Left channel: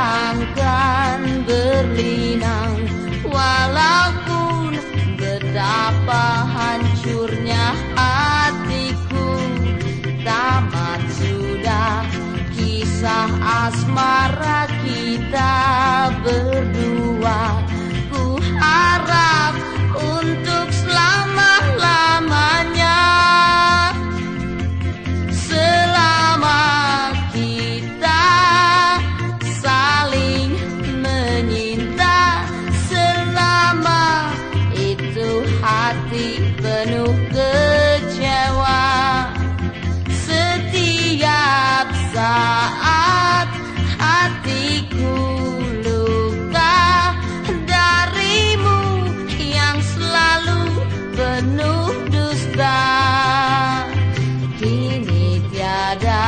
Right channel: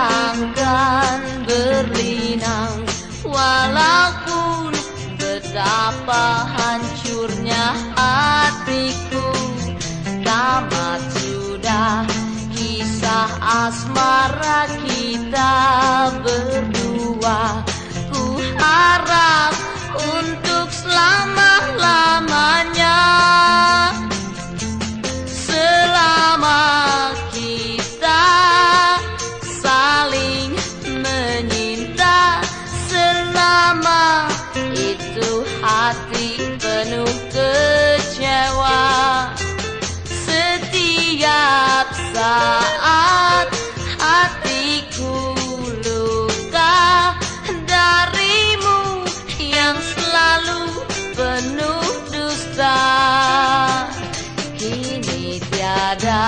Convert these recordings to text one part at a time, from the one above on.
takkan berlinang, walaupun betapa hancurnya hatiku. Tamat sudah kisah asmara kita berdua. Ku harap untuk selama-lamanya, selama kita saling menyinta, selama itu hati penuh kecewa. Setiap saat hatiku luka darimu yang selalu penuh dusta. Kini tiada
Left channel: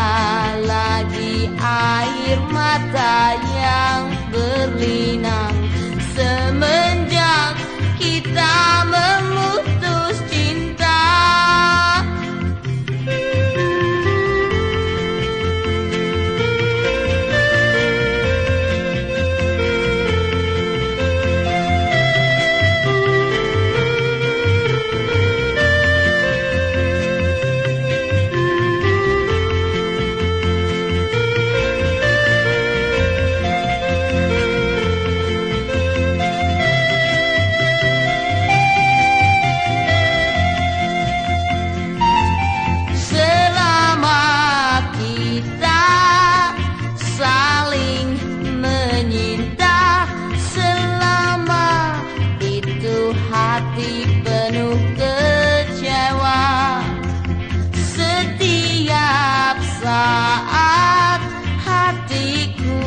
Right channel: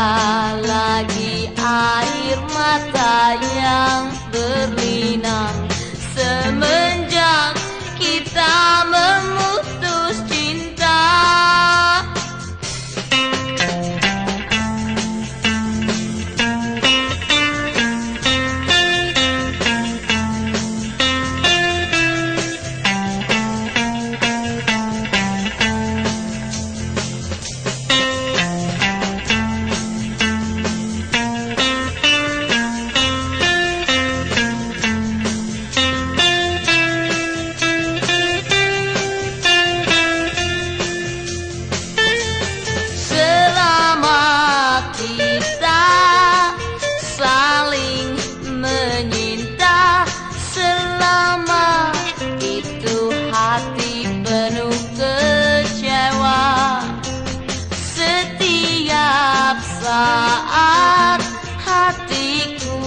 lagi air mata yang berlinang semenjak kita memutus cinta. Saling menyinta, selama itu hati penuh kecewa. Setiap saat hatiku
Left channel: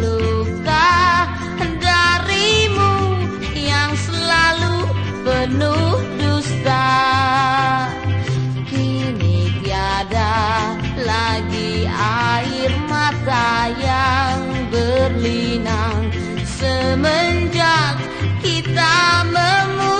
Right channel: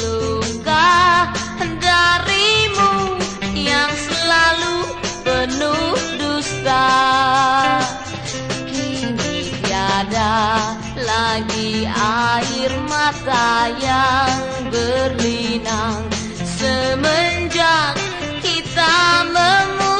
luka darimu yang selalu penuh dusta. Kini tiada lagi air mata yang berlinang semenjak kita memutuskan